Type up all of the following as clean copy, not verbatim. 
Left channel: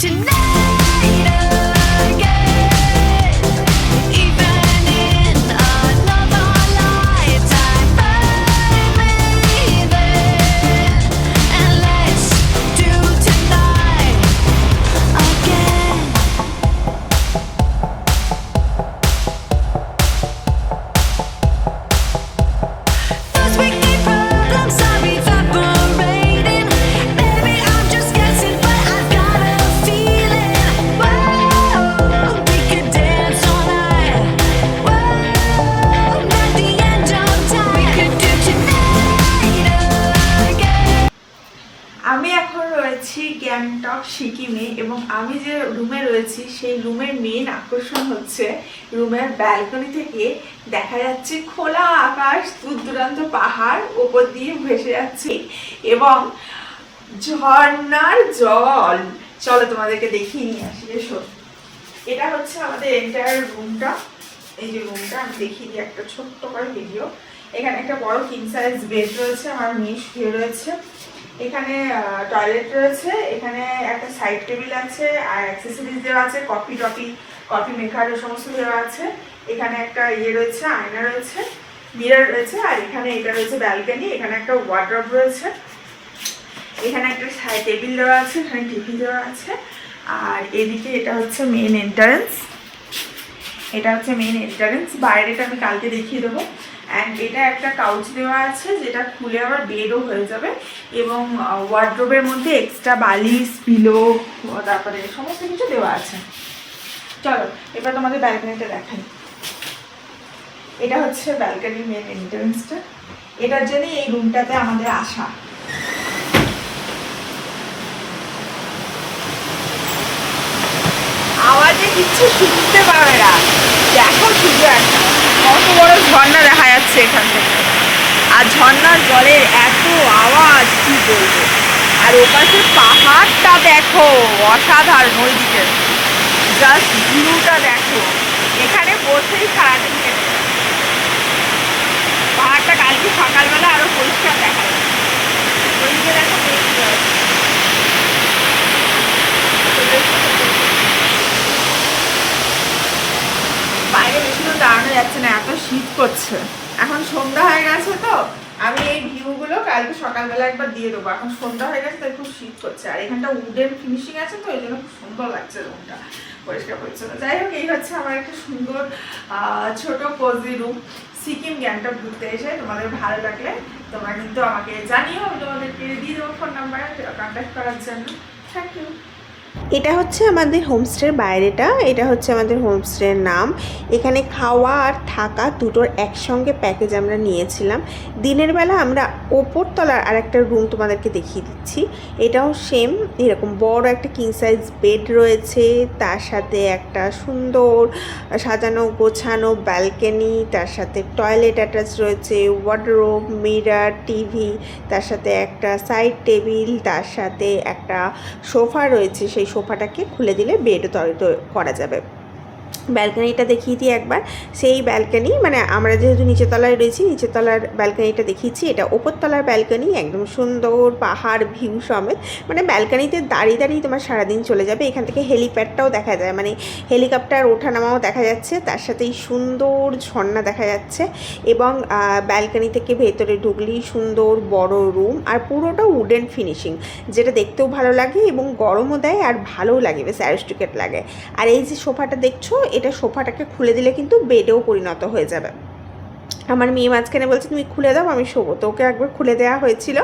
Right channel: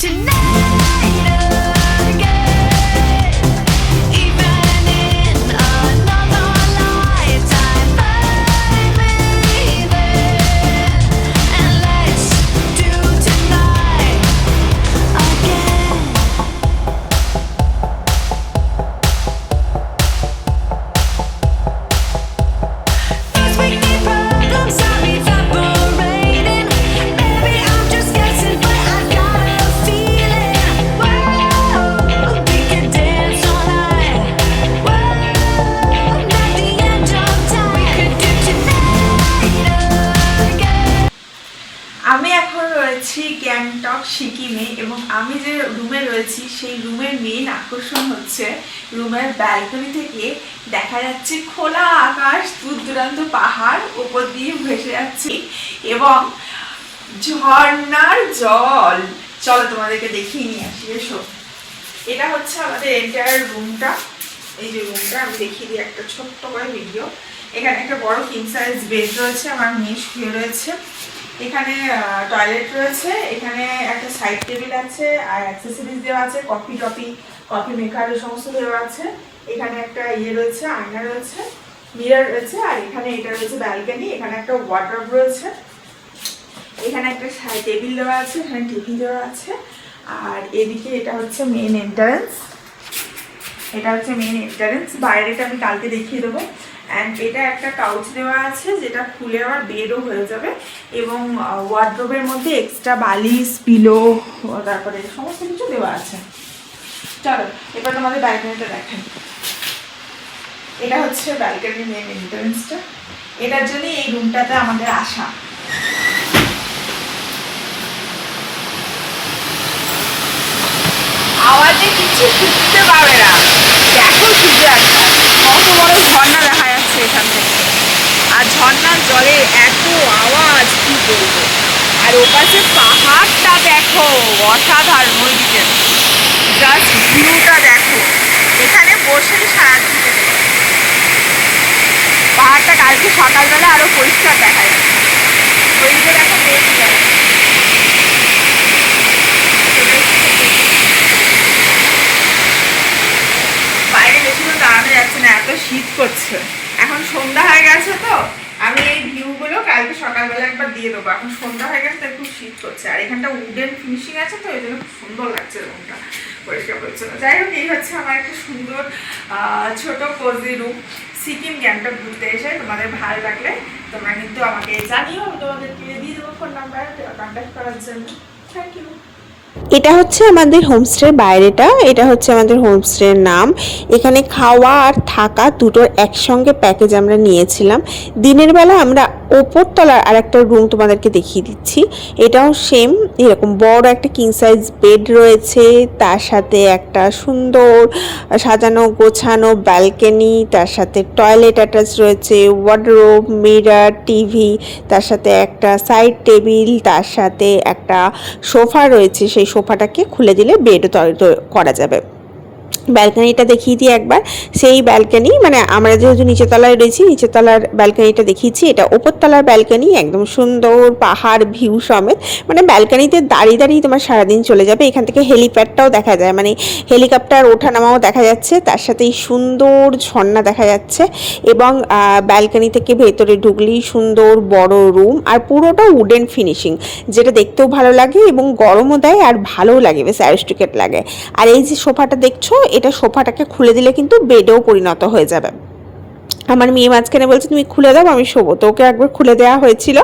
tonight again, even in another lifetime. Find me then, and let's do tonight again. First we need problems are evaporating. Maybe I'm just guessing, but I've got a feeling. Whoa, we could dance all night. Whoa, not the end of time. We could do tonight again. আমি এখন রয়েছি গ্যাংটক সিকিমে এবং আমি যে রুমে রয়েছি সেই রুমের মেইন আকর্ষণ হচ্ছে রুমের ব্যালকনি থেকে দেখা যাচ্ছে খোলা আকাশ, দূর দূরান্ত পাহাড় ওপর দিয়ে ভেসে যাচ্ছে এবং ঝর্ণার জল। চলো তোমাদেরকে দেখিয়ে নিয়ে আসি, এসো। এটা হচ্ছে আমাদের এন্টায়ার রুমটা। এই যে রুমটা আমি দেখিয়ে দিই একটা ছোট্ট করে ভিডিও। এখানে একটা বড় কিং সাইজ বেড রয়েছে, আমার মেয়ে শুয়ে রয়েছে। এখানে টয়লেট রয়েছে, এখানে একটা সাইড টেবিল আছে আর অ্যাক্সেসরিজ দেওয়া আছে, কফি মেকার সমস্ত দেওয়া আছে। এখানে একটা ইয়ে রয়েছে, আয়না রয়েছে, মিরর রয়েছে, আর এখানে এটা রয়েছে ব্যালকনি। এখানে একটা ওয়ার্ডরোব রয়েছে, এখানে একটা সাইড টেবিল দেওয়া আছে, এখানে টিভি দেওয়া আছে। আর এদিকে এটা হচ্ছে মেন এন্ট্রান্স, বাইরেটা আমি কালকে দেখিয়ে দেবো। অ্যান্ড এটা একটা কাউচ দেওয়া আছে যেটা খুলে আবার বেডও হয়ে যাবে এবং ওয়ার্ডরোবের মধ্যে এক্সট্রা বালিশ, পিলো, তারপরে সমস্ত কিছু দেওয়া আছে। চলো এবার তোমাদের ব্যালকনিটা দেখাই। এটা হচ্ছে ব্যালকনির মেন এন্ট্রান্সটা, এটার জন্যই এই রুমটাতে আমাদের আসা। আওয়াজে কিছু শুনতে পাবে না, দেখো শুধু একটা কত বড় ঝর্ণা দেখা যাচ্ছে এখান থেকে, আর ঝর্ণার জলের এত আওয়াজ কি বলবো। আর ওপাশে পাহাড়টা দেখো, অসাধারণ। ওইদিকে জাস্ট ভিউটা দেখো, এখানে বসেই সারাদিন কেটে যাবে। পাহাড়টা কালকে সকালবেলা আরো পরিষ্কার দেখা যায়। ওইদিকে দেখো বেশি যাবে, বাইরে বেশিক্ষণ দাঁড়ানো যাচ্ছে না, এত শীত করছে। এখন সন্ধ্যা হয়ে গেছে তো আমি এই ভিউগুলো কালকে সকালবেলা একবার দিয়ে দেবো। এখন সন্ধ্যা হয়ে গেছে তাই খুব শীত করছে, আর এখানটা উডেন ফিনিশিং আছে তো এই জন্য খুব সুন্দর লাগছে রুমটা, পরিষ্কার পরিচ্ছন্ন। যাই হোক, এই হচ্ছে আমার একটা সুন্দর ছোট কোজি রুম। সিকিম গ্যাংটক ঘুরতে এসে তোমাদের ভালো লাগলে তোমরা কিন্তু আমাকে জানিও, আমি তোমাদেরকে দিয়ে দেবো ফোন নাম্বার কন্ট্যাক্ট করার জন্য। Thank you. এটা হচ্ছে আমাদের হোমস্টের বাইরেটা, এটা হচ্ছে আমাদের হোমস্টের নাম। এখানে খাওয়া আর থাকা দুটোর একসঙ্গে প্যাকেজ আমরা নিয়েছিলাম। দিনের বেলা আমরা ওপরতলার আর একটা রুম তোমাদেরকে দেখিয়ে দিচ্ছি। এটাও সেম এরকম বড় একটা কিং সাইজ বেড রয়েছে, তার সাথে একটা সুন্দর সাজানো গোছানো ব্যালকনি, তার সাথে টয়লেট অ্যাটাচ রয়েছে, ওয়ার্ডরোব, মিরর, টিভি, তার সাথে একটা সাইড টেবিল, তার সাথে একটা সোফা রয়েছে। সেই সোফাটাকে খুলে দিলে বেডও তৈরি করা যাবে। ব্যালকনিটা দেখিয়ে দিই একবার। সেই ব্যালকনি মানে আমরা যেহেতু নিচের তলায় রয়েছি, নিচের তলার ব্যালকনিটা দেখিয়েছি। এটা ওপরতলার ব্যালকনি, একদম সুন্দর পাহাড় ভিউ সমেত। মানে ব্যালকনিতে দাঁড়িয়ে দাঁড়িয়ে তোমার সারাদিন চলে যাবে। এখান থেকে হেলিপ্যাডটাও দেখা যায়, মানে হেলিকপ্টার ওঠানামাও দেখা যাচ্ছে, তার সাথেই সুন্দর ঝর্ণা দেখা যাচ্ছে। এবং ব্যালকনি থেকে ভেতরে ঢুকলেই সুন্দর বড় রুম, আর পুরোটা উডেন ফিনিশিং, যেটা দেখতেও ভালো লাগে এবং গরমও দেয় আর ভালোও লাগে, বেশ অ্যারিস্টিকেট লাগে। আর এই যে সোফাটা দেখছো, এটা সোফাটাকে খুলে দিলে কিন্তু বেডেও পরিণত হয়ে যাবে। আমার মেয়ে মাঝখানে বলছে তুমি খুলে দাও আমি শোবো, তো ওকে একবার খুলে দেওয়া হয়েছিল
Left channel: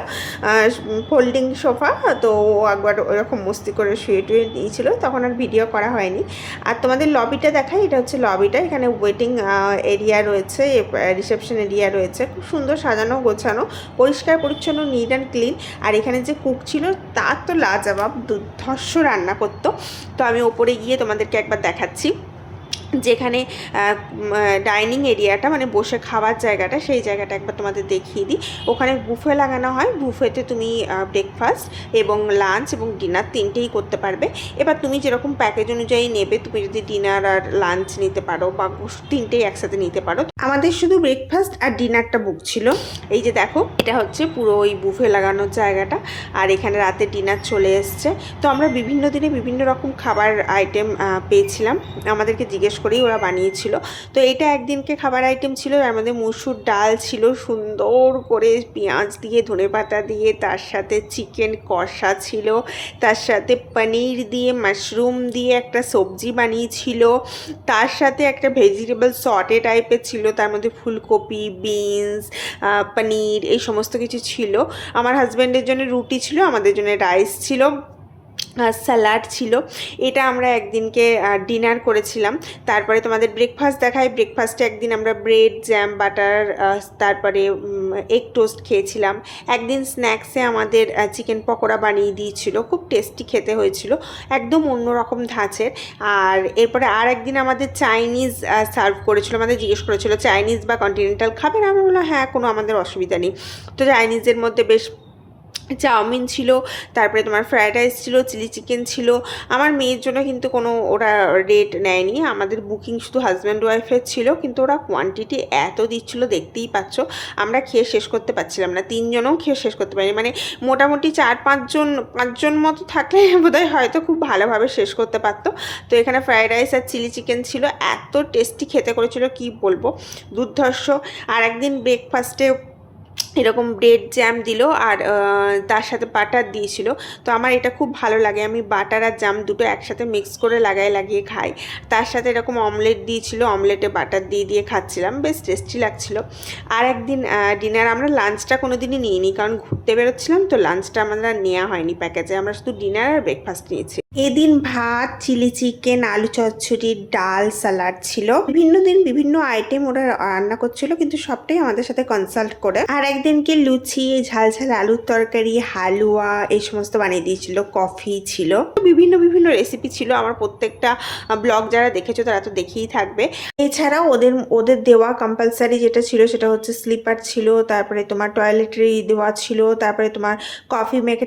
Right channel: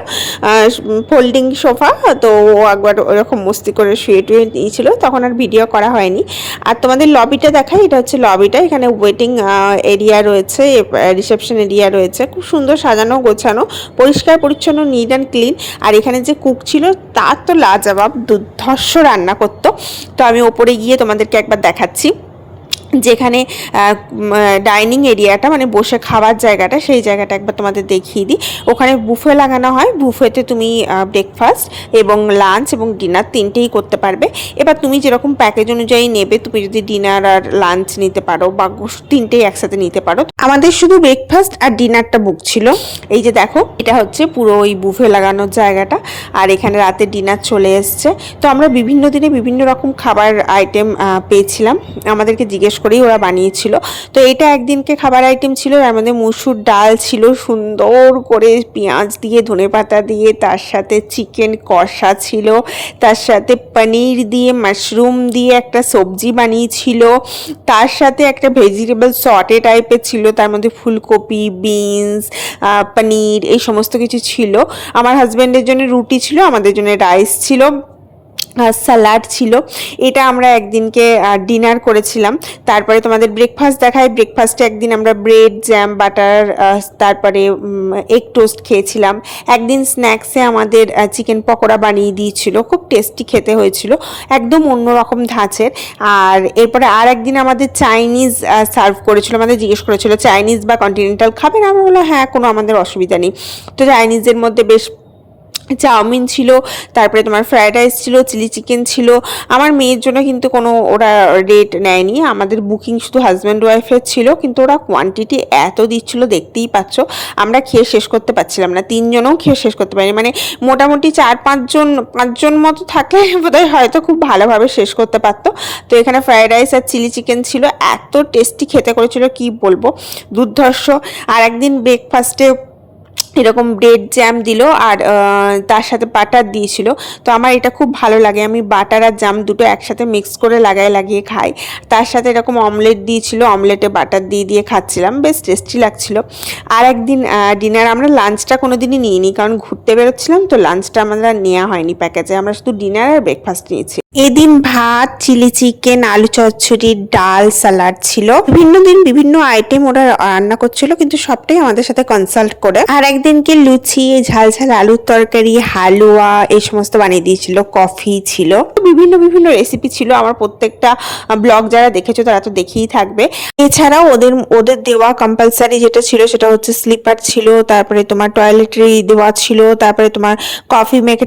ফোল্ডিং সোফা, তো ও একবার ওরকম মস্তি করে শুয়ে টুয়ে নিয়েছিল, তখন আর ভিডিও করা হয়নি। আর তোমাদের লবিটা দেখাই, এটা হচ্ছে লবিটা। এখানে ওয়েটিং এরিয়া রয়েছে, রিসেপশন এরিয়া রয়েছে, খুব সুন্দর সাজানো গোছানো, পরিষ্কার পরিচ্ছন্ন, নিট অ্যান্ড ক্লিন। আর এখানে যে কুক ছিল তার তো লাজবাব, দুর্ধর্ষ রান্না করতো। তো আমি ওপরে গিয়ে তোমাদেরকে একবার দেখাচ্ছি। যেখানে ডাইনিং এরিয়াটা মানে বসে খাবার জায়গাটা, সেই জায়গাটা একবার তোমাদের দেখিয়ে দিই। ওখানে বুফে লাগানো হয়, বুফেতে তুমি ব্রেকফাস্ট এবং লাঞ্চ এবং ডিনার তিনটেই করতে পারবে। এবার তুমি যেরকম প্যাকেজ অনুযায়ী নেবে, তুমি যদি ডিনার আর লাঞ্চ নিতে পারো বা তিনটেই একসাথে নিতে পারো। আমাদের শুধু ব্রেকফাস্ট আর ডিনারটা বুক ছিল। এই যে দেখো, এটা হচ্ছে পুরো ওই বুফে লাগানোর জায়গাটা, আর এখানে রাতে ডিনার চলে এসছে। তো আমরা বিভিন্ন দিনে বিভিন্ন রকম খাবার আইটেম পেয়েছিলাম, আমাদেরকে জিজ্ঞেস করেই ওরা বানিয়েছিল। তো এটা একদিনকে খাবার আইটেম ছিল, এর মধ্যে মুসুর ডাল ছিল সুন্দর করে পেঁয়াজ দিয়ে ধনেপাতা দিয়ে, তার সাথে চিকেন কষা ছিল, তার সাথে পনির দিয়ে মাশরুম দিয়ে একটা সবজি বানিয়েছিল, তার সাথে একটা ভেজিটেবল সটে টাইপের ছিল, তার মধ্যে ফুলকপি, বিনস, পনির এই সমস্ত কিছু ছিল। আমার হাজব্যান্ডের জন্য রুটি ছিল, আমাদের জন্য রাইস ছিল, স্যালাড ছিল। এটা আমরা একদিনকে ডিনার করেছিলাম। তারপরে তোমাদের ব্রেকফাস্ট দেখায়। ব্রেকফাস্টে একদিন আমরা ব্রেড, জ্যাম, বাটার, তারপরে এগ টোস্ট খেয়েছিলাম। একদিন স্ন্যাক্সে আমাদের চিকেন পকোড়া বানিয়ে দিয়েছিল, খুব টেস্টি খেতে হয়েছিল, একদম অন্যরকম ধাঁচের। আর এরপরে আর একদিন আমাদের চাইনিজ সার্ভ করেছিল, আমাদের জিজ্ঞেস করেছিল চাইনিজ বা কন্টিনেন্টাল খাবেন, আমি বললাম হ্যাঁ, কোনো আমাদের অসুবিধা নেই। তো চাইনিজের মধ্যে বেশ চাউমিন ছিল, তারপরে তোমার ফ্রায়েড রাইস ছিল, চিলি চিকেন ছিল। আমার মেয়ের জন্য কিন্তু কোনো ওরা রেট নেয়নি, আমাদের বুকিং শুধু হাজব্যান্ড ওয়াইফের ছিল, কিন্তু ওরা কোয়ান্টিটি এত দিচ্ছিল দেখতেই পাচ্ছ, আমরা খেয়ে শেষ করতে পারছিলাম না, তিনজনও খেয়ে শেষ করতে পারিনি। মানে মোটামুটি 4-5জন মতো থাকলে বোধহয় হয়তো খুব ভালোভাবে শেষ করতে পারতো। তো এখানে ফ্রায়েড রাইস আর চিলি চিকেন ছিল, এত টেস্টি খেতে করেছিল কি বলবো, দুর্ধর্ষ। আর একদিন ব্রেকফাস্টে এরকম ব্রেড জ্যাম দিল, আর তার সাথে বাটার দিয়েছিল। তো আমার এটা খুব ভালো লাগে, আমি বাটার আর জ্যাম দুটো একসাথে মিক্স করে লাগিয়ে খাই। তার সাথে এরকম অমলেট দিয়েছিল, অমলেটে বাটার দিয়ে খাচ্ছিলাম, বেশ টেস্টি লাগছিল। আর একদিন ডিনার, আমরা লাঞ্চটা কোনো দিনই নিইনি, কারণ ঘুরতে বেরোচ্ছিলাম, তো লাঞ্চটা আমাদের আর নেওয়া হয়নি প্যাকেজে, আমরা শুধু ডিনার আর ব্রেকফাস্ট নিয়েছি। এদিন ভাত, চিলি চিকেন, আলু চচ্চড়ি, ডাল, স্যালাড ছিল। বিভিন্ন দিন বিভিন্ন আইটেম ওরা রান্না করছিল, কিন্তু সবটাই আমাদের সাথে কনসাল্ট করে। আর একদিনকে লুচি, ঝাল ঝাল আলুর তরকারি, হালুয়া এই সমস্ত বানিয়ে দিয়েছিল, কফি ছিল, বিভিন্ন বিভিন্ন রেসিপি ছিল। আমার প্রত্যেকটা ব্লগ যারা দেখেছো তারা তো দেখেই থাকবে। এছাড়াও ওদের দেওয়া কম্পালসারি যেটা ছিল সেটা হচ্ছে স্লিপার ছিল, তারপরে তোমার টয়লেটারি দেওয়া ছিল, তারপরে তোমার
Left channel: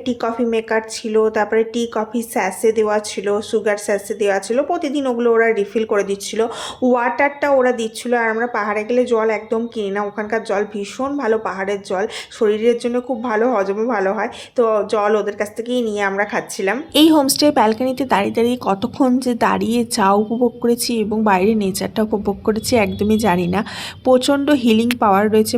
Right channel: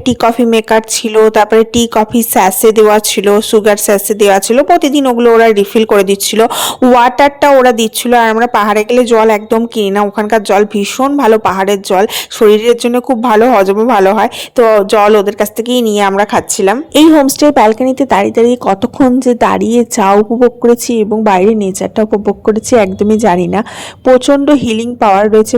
টি কফি মেকার ছিল, তারপরে টি কফি স্যাসে দেওয়া ছিল, সুগার স্যাসে দেওয়া ছিল, প্রতিদিন ওগুলো ওরা রিফিল করে দিচ্ছিল। ওয়াটারটা ওরা দিচ্ছিল। আর আমরা পাহাড়ে গেলে জল একদম কিনি না, ওখানকার জল ভীষণ ভালো, পাহাড়ের জল শরীরের জন্য খুব ভালো, হজমও ভালো হয়। তো জল ওদের কাছ থেকেই নিয়ে আমরা খাচ্ছিলাম। এই হোমস্টে ব্যালকনিতে দাঁড়িয়ে দাঁড়িয়ে কতক্ষণ যে দাঁড়িয়ে চা উপভোগ করেছি এবং বাইরে নেচারটা উপভোগ করেছি একদমই জানি না। প্রচণ্ড হিলিং পাওয়ার রয়েছে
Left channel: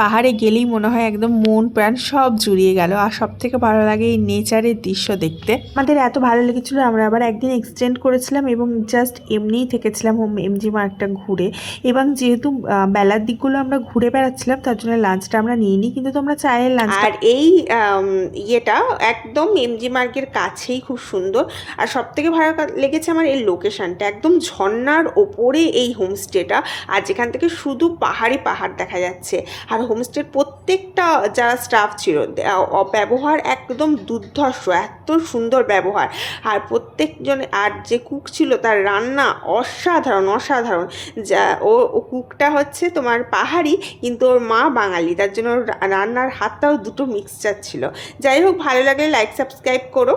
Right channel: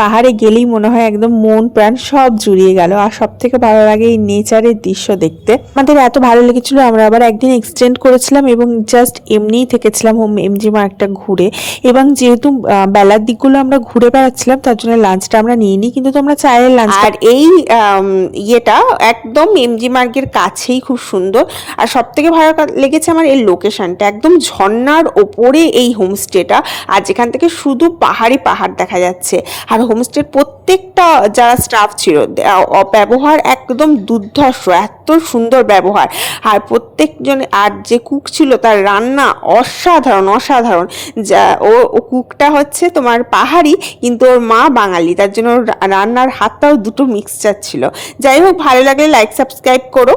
পাহাড়ে গেলেই মনে হয় একদম মন প্রাণ সব জুড়িয়ে গেল। আর সব থেকে ভালো লাগে এই নেচারের দৃশ্য দেখতে। আমাদের এত ভালো লেগেছিল, আমরা আবার একদিন এক্সটেন্ড করেছিলাম এবং জাস্ট এমনিই থেকেছিলাম এমজি মার্গটা ঘুরে। এবং যেহেতু বেলার দিকগুলো আমরা ঘুরে বেড়াচ্ছিলাম, তার জন্য লাঞ্চটা আমরা নিইনি, কিন্তু তোমরা চাইলে লাঞ্চ। আর এই ইয়েটা একদম এমজি মার্গের কাছেই, খুব সুন্দর। আর সব থেকে ভালো লেগেছে আমার এই লোকেশনটা, একদম ঝর্ণার ওপরে এই হোমস্টেটা, আর যেখান থেকে শুধু পাহাড় দেখা যাচ্ছে। আর হোমস্টের প্রত্যেকটা যারা স্টাফ ছিল, ব্যবহার একদম দুর্ধর্ষ, এত সুন্দর ব্যবহার। আর প্রত্যেকজন, আর যে কুক ছিল তার রান্না অসাধারণ। যা ও কুকটা হচ্ছে তোমার পাহাড়ি, কিন্তু ওর মা বাঙালি, তার জন্য রান্নার হাতটাও দুটো মিক্সচার ছিল। যাই হোক, ভালো লাগলে লাইক সাবস্ক্রাইব করো।